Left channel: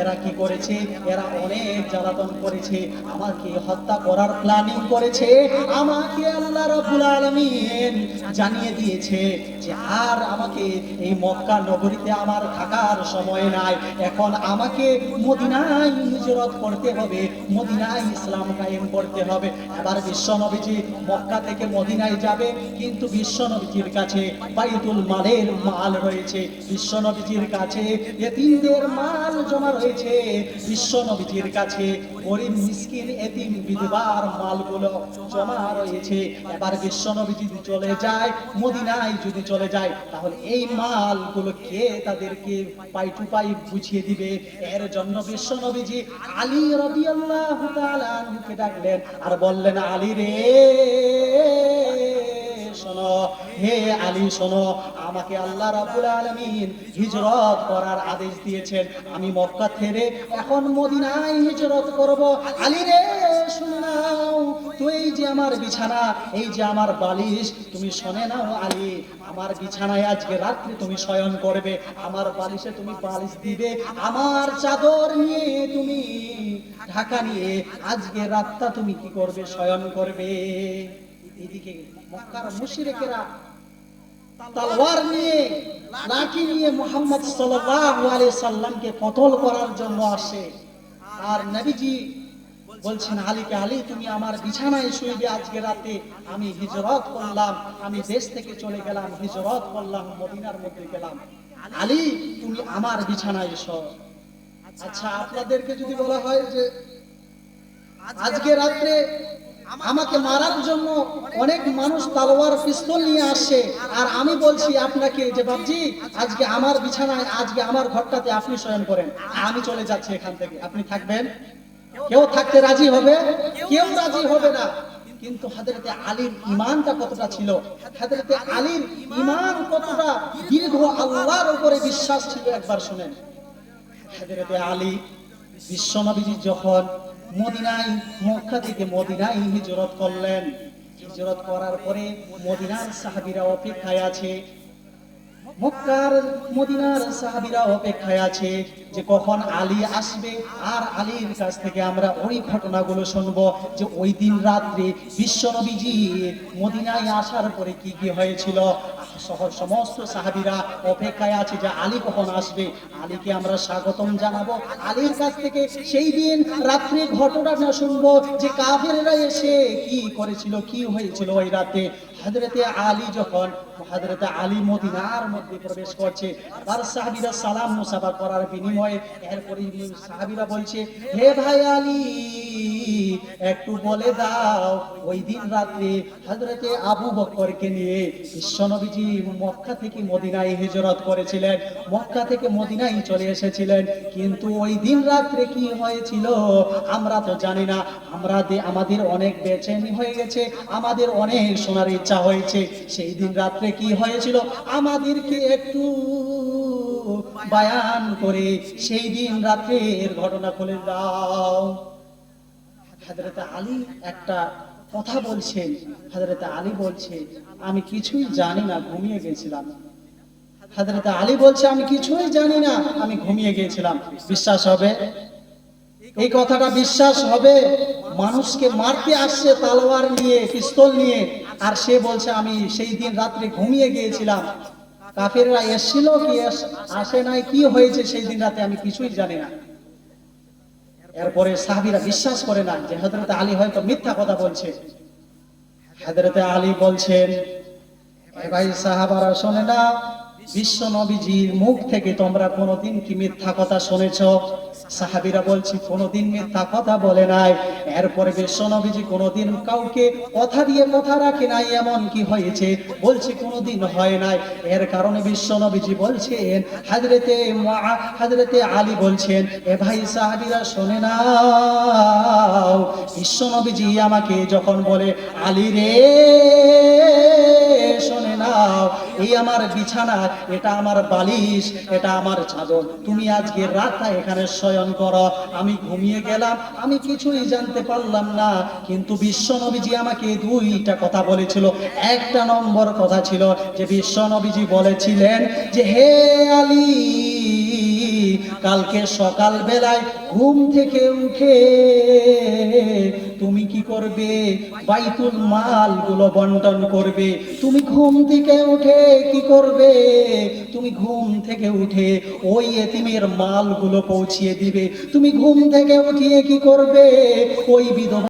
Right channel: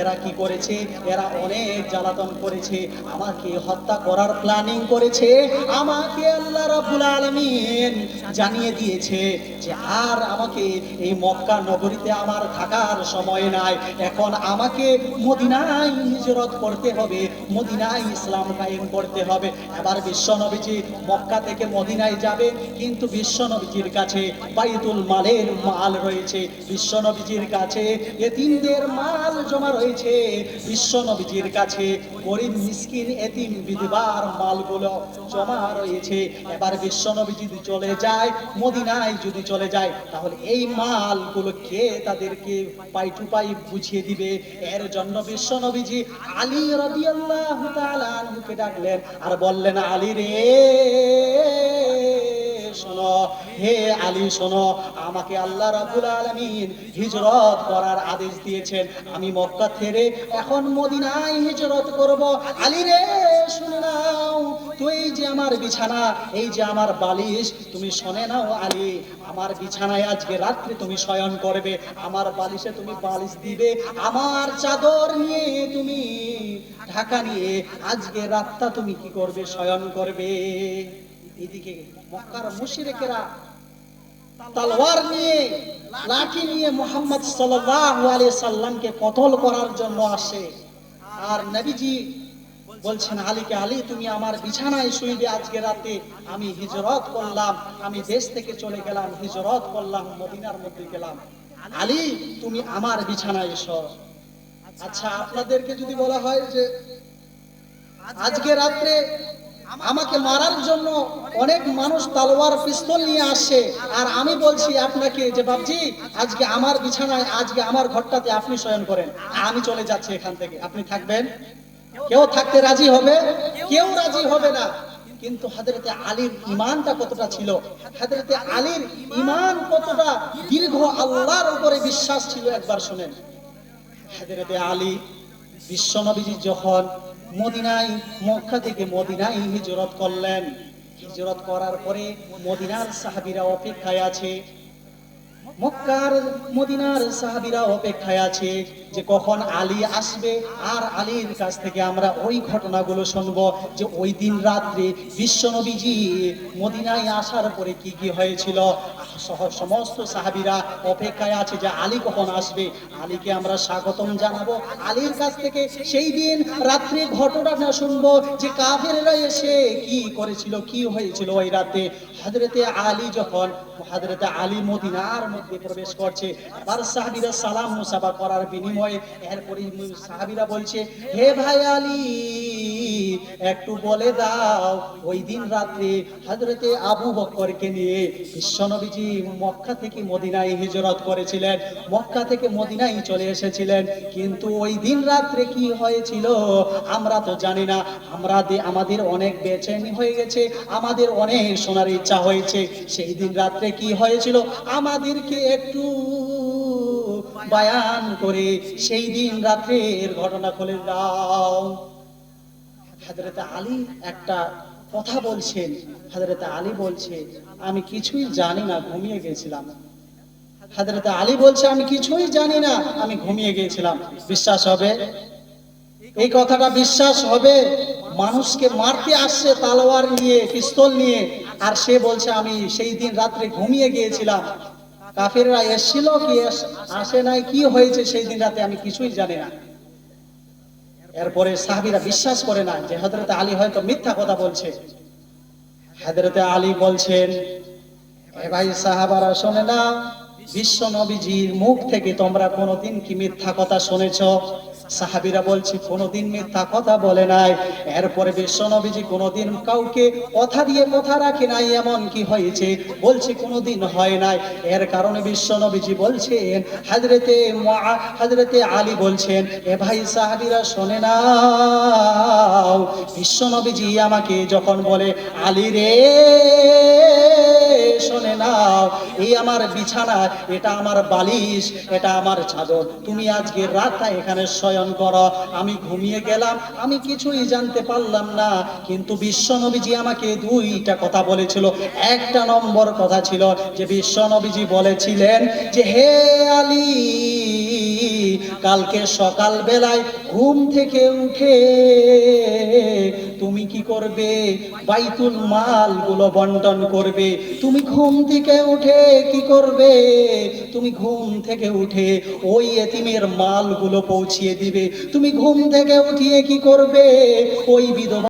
এরা কি করেছে? এরা অনেক জ্বালাতন করেছে। আমাকে হত্যা করার প্ল্যানিং করেছে। আমাকে জানিয়ে দিয়েছে যে, আর আমাকে এই মক্কা নগরীতে আমার থাকার সময় নাই। এখন আমাকে মদিনায় হিজরত করতে হবে। মদিনায় ইসলাম কায়েম করতে হবে। এবার বিশ্ব নবীজি মক্কা থেকে মদিনায় যাবে, কিন্তু বিশ্ব নবীজির কাছে বাইতুল মালের মাল রয়েছে। বিশ্ব নবীজির কাছে এতিমদের মাল জমা রয়েছে। বিশ্ব নবীজির কাছে গরিব, মিসকিন, এতিম, বিধবার মালগুলো জমা রয়েছে। এবার বিশ্ব নবী যদি চলে যায়, মদিনায় যদি চলে যায়, তাহলে এই মালগুলো কে তাদেরকে পাই টু পাই বুঝিয়ে দিবে? এর জন্য বিশ্ব নবীজি আলী রাদিয়াল্লাহু তাআলা আনহুকে ডাকলেন আর বললেন, আলী রে, শোনো, হে আলী, শোনো আমাকে আল্লাহ রাব্বুল আলামিন হিজরত করার আদেশ দিয়েছেন। আমি মক্কা থেকে এখন মদিনায় হিজরত করব। আলী রে, শুনে নাও। তুই যে আমার বিছানা, এই যে আমার বালিশ, তুমি শোনে নাও আলী, আমার বিছানায় আজকে রাত্রে তুমি শয়ন করবে। আমার বালিশে তুমি বালিশ দিবে। আমার চাদর নিয়ে তুমি ঢাকা নিয়ে আজকে রাতটা তুমি কি করবে? শয়ন করবে। এদিকে মক্কার মুশরিকেরা তলোয়ার নিয়ে লাঠি নিয়ে মোহাম্মদ সাল্লাল্লাহু আলাইহি সাল্লামকে কতল করার জন্য আসে। আর নবীজি বলছেন, আলীকে আলী, তুমি আমার বিছানায় শুইবে আজকে রাতে। আমি হিজরত করলাম, আমি দেশ থেকে চলে গেলাম, হিজরত করলাম, মদিনার মধ্যে গেলাম। আলী, তুমি আমার বিছানায় এসো। আচ্ছা আপনাদেরকে যদি বলা হয় যে আজকে রাত্রে আমাকে মারার জন্য অনেক মানুষ তালোয়ার, পিস্তল নিয়ে আসে। আর আমি বলছি আপনাকে যে বাবজি আজকে আমার বিছানায়, আজকে আমার ঘরটাতে আপনি শয়ন করেন। আমি চলে যাচ্ছি এখান থেকে। আপনি থাকবেন? কেউ থাকতে রাজি হবে? কেউ রাজি হবে না। কিন্তু হাজরতে আলীর ইমানটা কতটা ছিল? হাজরতে আলীর ইমান কতটা? দীর্ঘ আল্লাহর উপরে বিশ্বাস ছিল, একবার শুনেন। হাজরতে আলী বিশ্বনবীজি যখন মদিনায় থেকে করলেন। করার পরে মদিনার সাহাবীরা অপেক্ষায় আছে। মক্কার মদিনার সাহাবীরা অপেক্ষায় আছে যে কখন আলী আসবে। আর আলীর কাছ থেকে আমরা ওই ঘটনাগুলো শুনব যে ওই দিন রাত্রে বিশ্বনবীজি মদিনায় আসার পরে কি কি হয়েছিল। সহ সমস্ত সাহাবীরা অপেক্ষায় আছে যে আলী কখন আসবে। আলীকে আমরা স্বাগতম জানাব। আলীর কাছ থেকে সেই দিন রাত্রে ঘটনাটা শুনব যে কাফেররা এসে কি করেছিল, কি হয়েছিল ওই রাতে। হাজরতে আলী যখন, হাজরতে আলী মদিনার মধ্যে প্রবেশ করছে আর সাহাবীরা সালাম মুসাফা করার বিনিময়ে এরপরে সাহাবীরা বলছে, হে ভাই আলী, একটু বলে দাও, ওই দিন রাত্রে হাজরতে আবু বকরকে নিয়ে বিশ্বনবীজি মক্কা থেকে মদিনায় হিজরত করেছিলেন। মক্কা থেকে মদিনায় চলে এসেছিলেন। কিন্তু ওই দিন রাত্রে কি হয়েছিল? আমরা তো জানি না। আমরা আমাদের অনেক বেচেনি হয়ে গেছে। আমাদের অনেক শোনার ইচ্ছা হয়েছে। সেই দিন রাত্রে কি হয়েছিল? আমাদেরকে একটু বায়ান করে সেই দিন রাত্রের ঘটনা খুলে দাও। হাজরত আলী একটা কথা বলছেন। হাজরত আলী বলছে আমি কিছুই জানি না, ঘুমিয়ে গেছিলাম। হাজরত আলী বলছে, আমি কিছুই জানি না, আমি ঘুমিয়ে গিয়েছিলাম বিশ্বাস হবে? এই কথাটা বিশ্বাস হবে? মানুষকে মারতে আসছে, তালোয়ার নিয়ে, পিস্তল নিয়ে, আর সে বলছে, আমি সেই দিন রাত্রে ঘুমিয়ে গিয়েছিলাম। কাফেররা এসেছিল কি আসে নাই, কি হয়েছে সেই দিন রাতে আমি কিছুই জানি না। এরপরে সাহাবিরা বিশ্বাস করে না যে হজরত আলী হয়তো মিথ্যা কথা বলছে। হজরত আলী বলছেন, "এ ভাই সাহাবারা, শোনে না, বিশ্ব নবীজির মুখ থেকে তোমরা কোনোদিন কি মিথ্যা কথা শুনেছো? সাহাবীরা বলছি, কোনোদিন মিথ্যা কথা বলে নাই। এরপরে বিশ্বনবীজি কোনোদিন কাউকে কথা দিয়ে কথা রাখে নাই, এমন কি হয়েছে? বলছে, কোনোদিন হয় নাই। এর কারণে বিশ্বনবীজি বলছেন, হাজরেতে হাজরেতে আলী বলছেন, এ ভাই সাহাবিরা শোনে নাও। বিশ্বনবীজি আমাকে যখন বলে, আলী রে নাও, এই আমার বিছানা, এটা আমার বালিশ, এটা আমার চাদর তুমি আজকে রাতটা এখানে স্বয়ং করো। আমি ঘুমিয়ে গেলাম, আমি কিছুই জানতে পারলাম না, কিন্তু বিশ্বনবীজি আমাকে দুইটা কথা বলেছিল। একটা নম্বর কথা ছিল যে বিশ্বনবীজি বলেছিলেন যে, হে আলী কালকে সকাল বেলায় ঘুম থেকে উঠে তুমি কি করবে? বাইতুল মালগুলো বন্টন করবে। তুমি ঘুম থেকে উঠে কি করবে? তুমি ঘুম থেকে উঠে ওই এতিমের মালগুলো পৌঁছিয়ে দিবে। তুমি ঘুম থেকে উঠিয়ে কি করবে? ওই বিধবা